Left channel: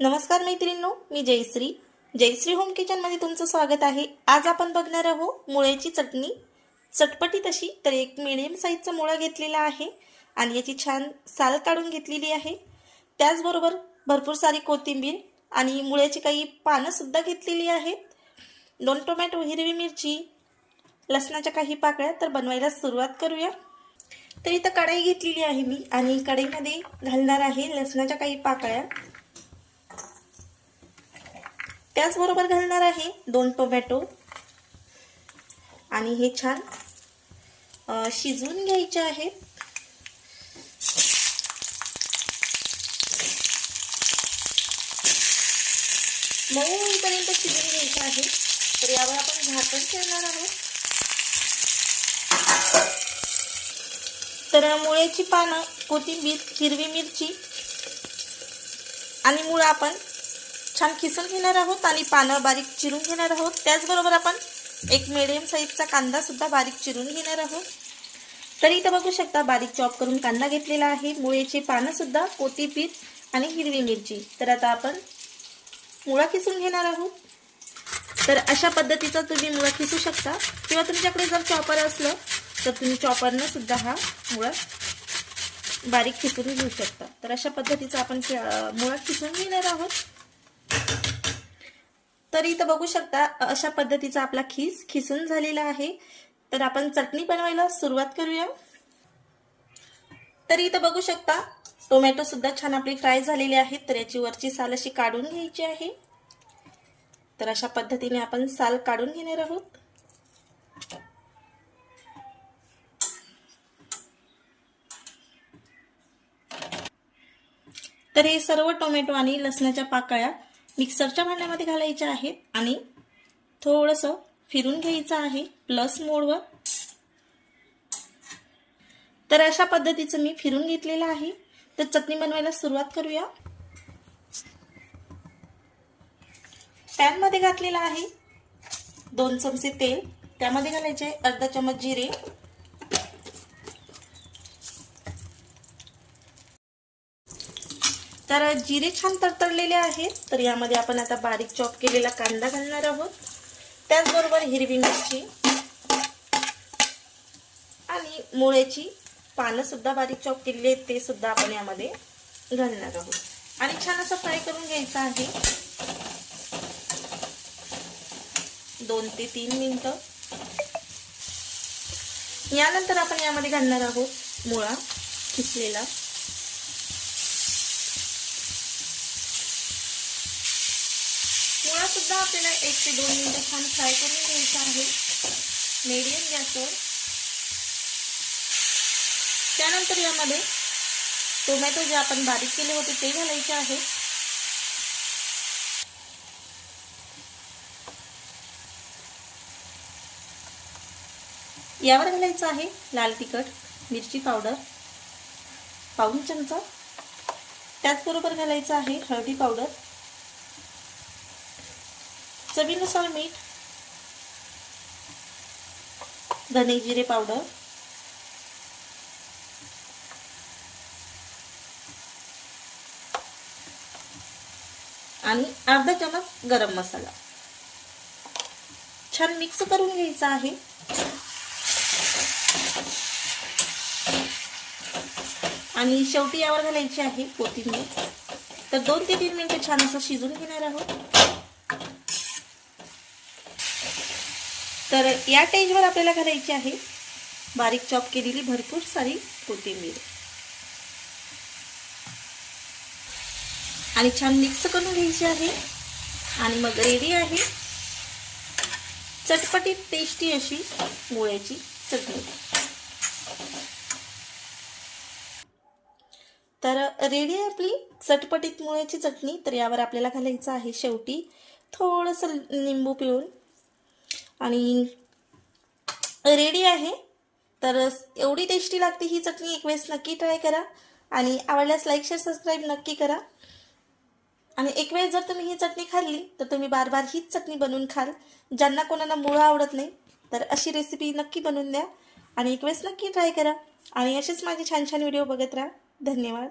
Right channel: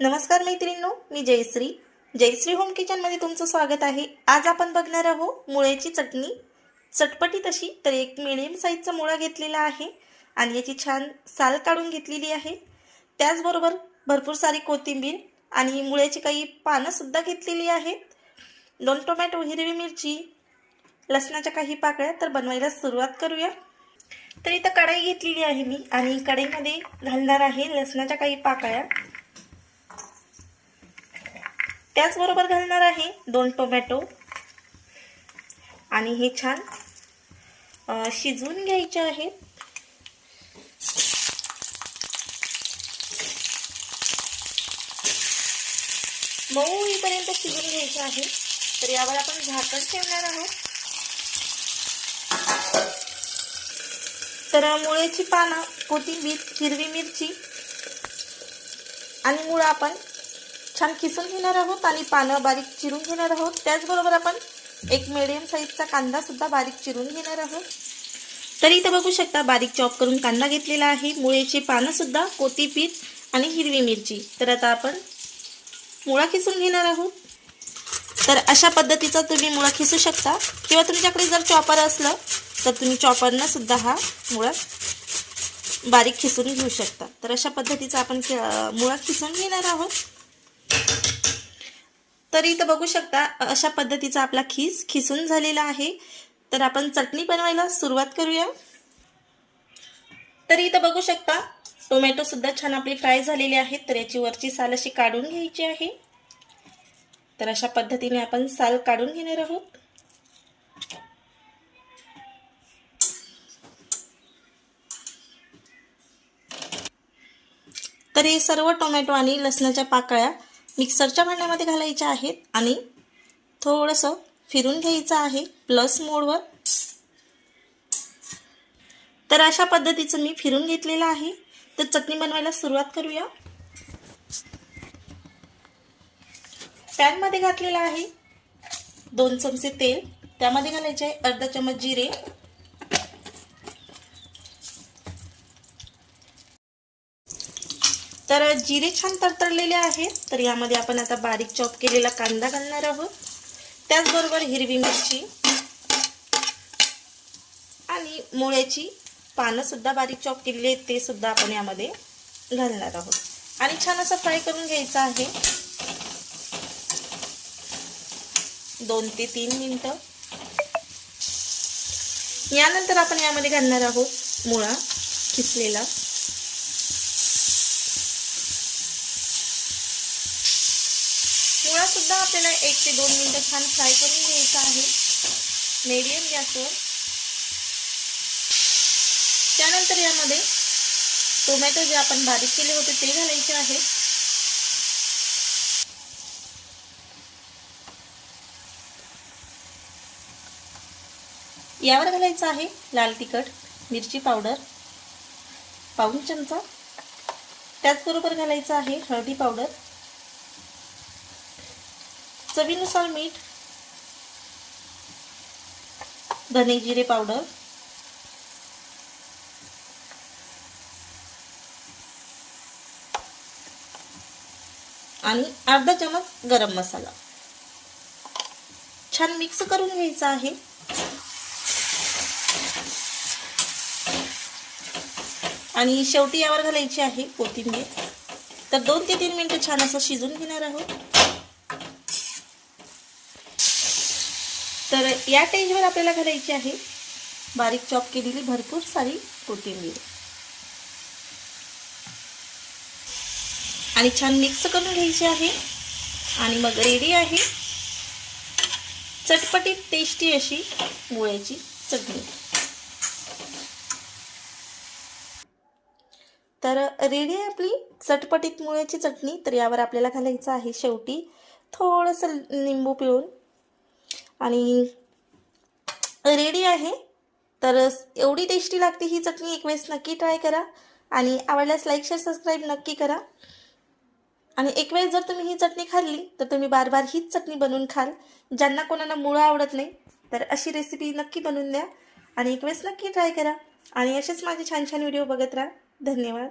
नमस्कार मैत्रिणींनो, मी जयश्री होम किचनमध्ये तुमचं स्वागत आहे। आज आपण बघणार आहोत मुळ्याची चटणी। चटपटीत अशी तर एक मीडियम साईजचा मुळा घेतलेला आहे आणि याची छान साल काढून घेतलेली आहे। त्याचबरोबर भरपूर सारी कोथिंबीर आणि मुळ्याची काही पानं सुद्धा घेतलेली आहेत। 2 टोमॅटो, हिरवी मिरची, लसणाच्या काही पाकळ्या। तर बनवायला सुरुवात करूया। तर इथं कढई घेतलेली आहे मी आणि कढईमध्ये घालणार आहे लसणाच्या काही पाकळ्या। त्याचबरोबर घालणार आहे 2 टोमॅटो आणि हे छान शिजवून घ्यायचे आहेत। मऊ होईपर्यंत शिजवून घ्यायचे आहे। तर यावर आपण झाकण ठेवणार आहोत। तर मुळ्याची पानं, कोथिंबीर, हिरवी मिरची आणि मुळा आपण छान किसून घेणार आहोत आणि पानं बारीक चिरून घेणार आहोत। त्याचबरोबर आपण एक मीडियम साईजचा कांदा सुद्धा बारीक चिरून घेणार आहोत। तर इथे बघू शकता बारीक चॉप करून कांदा घेतलेला आहे, मुळ्याची पानं सुद्धा, कोथिंबीर आणि हिरवी मिरची। तर आता आपण मुळा किसून घेणार आहोत। तर अशा पद्धतीचा तुम्ही मुळा किसू शकता किंवा तुमच्याकडे जर चॉपर असलं तर तुम्ही चॉपरने सुद्धा हा मुळा बारीक खिसून घेऊ शकता। तर अशा पद्धतीचा आपण मुळा खिसून घेणार आहोत। तर इथं बघू शकता अशा पद्धतीचा आपला खिसून झालेला आहे। तर आपण चटणी बनवायला सुरुवात करूया। तर इथं बघू शकता टोमॅटो सुद्धा छान आपली फ्राय झालेली आहेत। तर याची वरची साल अशी काढून घ्यायची आहे। तर अशा पद्धतीने आपण साल काढून घेणार आहोत। तर हे सर्व टोमॅटो आणि लसणाच्या पाकळ्या मिक्सरच्या भांड्यामध्ये घालायच्या आहेत आणि थोडंसं फिरून घ्यायचं आहे प्लस मोडवर। तर अशा पद्धतीचं मी फिरून घेतलेलं आहे। तर चटणी बनवायला सुरुवात करूया। पॅन मध्ये घातलेला आहे 2 चमचे तेल। त्यामध्ये घालायचे आहे अर्धा चमच जिरे, तर जिरे छान तडतडलेले आहेत। तर यामध्ये आपण आता बारीक चॉप केलेला कांदा घालणार आहोत। त्याचबरोबर हिरवी मिरची आणि मुळ्याची पानं सुद्धा बारीक चॉप केलेली आहेत, ते सुद्धा आपण यामध्ये घालणार आहोत आणि छान असं फ्राय करून घ्यायचं आहे 2 ते 3 मिनिटं। यानंतर आपण यामध्ये घालणार आहोत मुळा खिसलेला। मुळा सुद्धा आपल्याला 1 ते 2 मिनिटं छान फ्राय करून घ्यायचा आहे मीडियम गॅसवर। त्यानंतर यामध्ये टोमॅटो जे आपण बारीक केले होते ते घालायचे आहे। यावर घालायचं आहे लाल तिखट, मिरची पावडर पाऊण चमचा। त्याचबरोबर घालायचं आहे हळदी पावडर, चवीनुसार मीठ, धने जिरे पावडर आणि अर्धा चमच गरम मसाला। छान मिक्स करून घ्यायचा आहे। आणि शेवटी यावर घालायची आहे कोथिंबीर। तर 2 ते 3 मिनिटं छान असं शिजवून घेणार आहोत। तर या स्टेजवर आपल्याला घालायची आहे बारीक चॉप केलेली भरपूर सारी कोथिंबीर आणि छान मिक्स करून घ्यायची आहे आणि मग रेडी आहे चटपटीत टेस्टी अशी मुळ्याची चटणी। तर रेडी आहे आपली चटपटीत मुळ्याची चटणी। तर यावर आपल्याला घालायचं आहे शेवटी थोडंसं लिंबू पिळून आणि रेडी आहे। तर एवढी टेस्टी लागते ही चटणी, एक वेळेस नक्की ट्राय करा आणि आवडल्यास लाईक शेअर सबस्क्राईब नक्की करा। आणि एक वेळेस जर तुम्ही ही चटणी खाल्ली तर तुम्ही बार बार हीच चटणी बनवून खाल। ज्यांना कोणाला मुळा आवडत नाही तर अशी रेसिपी नक्की बनवून द्या आणि एक वेळेस नक्की ट्राय करा आणि असेच माझे छान छान व्हिडिओ बघत राहा। धन्यवाद।